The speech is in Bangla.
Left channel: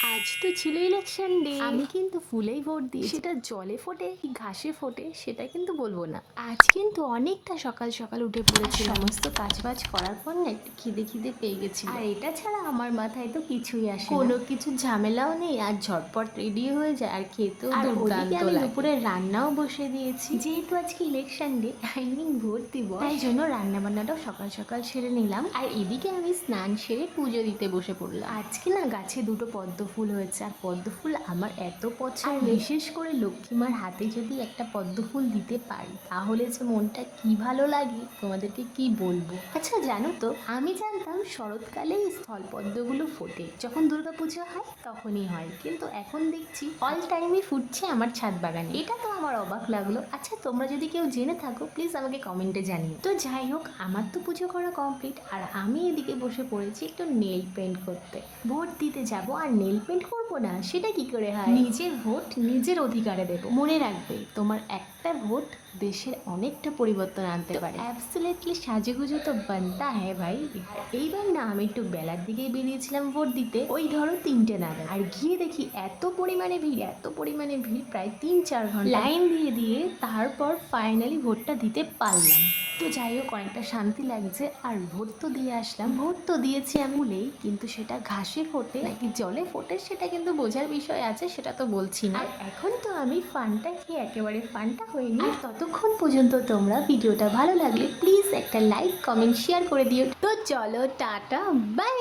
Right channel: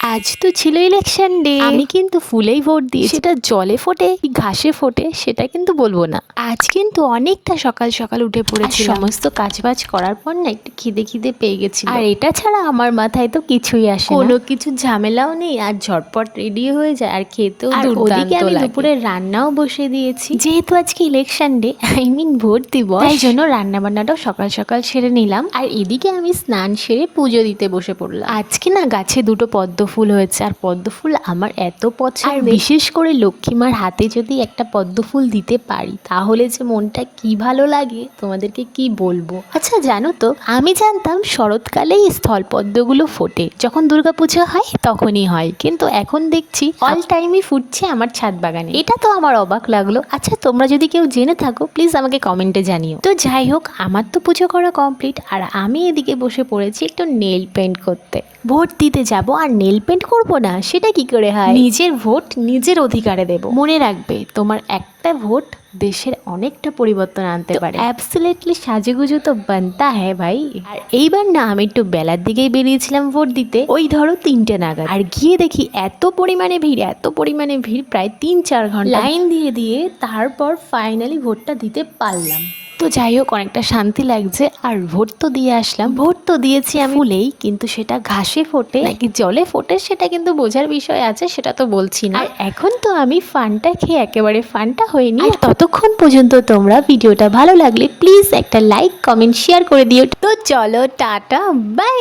আজ তো ছিল ইলেকশন ডে। আমি কিন্তু ফুলেই ভোট দিয়েছি। সেটা জলে ফোটে কি ঘাসে ফোটে সেটা কিন্তু বলবো না। আজ কিন্তু অনেকটা সকাল সকাল উঠে পড়েছি, সমস্ত কাজবাজ করার পর না একটু খিদে খিদে পেয়ে গেছিল। আর এটা ছাড়া আমার মাথায় তো কিছুই আসে না, কোনো কিছু ঝামেলাও নেই, আর ঝটপট রেডি হয়ে যায় আর খেতেও দুর্দান্ত লাগে। আমি দুপুরে রান্নাও বসে দিয়েছি, যেহেতু আজকে ইলেকশন ডে, আই মিন ভোট দিবস, তাই জন্য রান্না বান্নাটাও সকাল সকাল সেরে নিলাম। আর এদিকে আমি স্নান সেরে পুজো দিতে বসে পড়লাম। আজকে না গাছে দুটো পদ্ম ফুল হয়েছে, আর পদ্ম ফুল আমার এত পছন্দ, আর বিশেষ করে লক্ষ্মীমার হাতে যদি একটা পদ্ম ফুল দিতে পারি তাহলে যে মনটা কি ভালো লাগে তোমাদেরকে কি বলবো। আচ্ছা জানো তো, আমি জানতাম শরৎকালেই স্থলপদ্মগুলো ফোটে, যখন দুর্গাপুজো হয় তখনই হয়, কিন্তু এখন দেখছি অল টাইমই ফুটছে আমার ছাদ বাগানে। এটা তো আমার অবাক লাগলো। আচ্ছা তোমরা যদি কেউ জেনে থাকো প্লিজ আমাকে কমেন্টে জানিও। তো যাই হোক, আমার তো পুজো করা কমপ্লিট, আর আমি এদিকে বসে পড়েছি একটু নেল পেন্ট করতে। ভোট দিতে যাব আর নেল পেন্ট করবো না, সেটা কি করে হয়? নিজের ভোট নিজের অধিকারে দেব। মনে রাখবে, তোমার একটা ভোট দেশের অনেকটা পরিবর্তন আনতে পারে। অ্যাবসলিউটলি সাজেগুজো তো বানতা হ্যাঁ ভাই। আর এইবার না আমি একটু বেলার দিকেই বেরিয়েছিলাম ভোট দিতে, ওই ধরো 3টে নাগাদ, আর গিয়ে দেখি এত পরিমাণে ভিড়, প্রায় 3-4 ঘন্টা লাইন দিয়ে দিয়ে তারপর ফাইনালি ভোটটা দিতে পারলাম। তো যাই হোক, অনেকটা শান্তি লাগছে। আর ভোট তো দিয়ে আসলাম। ভোট তো দিয়েছি আমি ফুলেই, কিন্তু সেটা ঘাসে ফোটে নাকি জলে ফোটে সেটা কিন্তু বোঝার বিষয় আছে, সেটা তো বলছি না। আর এখন তো আমি ফানটা খেয়ে একেবারে ফানটা হয়নি। আর ততক্ষণ পর্যন্ত তোমরা ভিডিওটা ভালো লাগলে প্লিজ একটা লাইক কমেন্ট শেয়ার করে দিও। তো চলো টাটা বাই।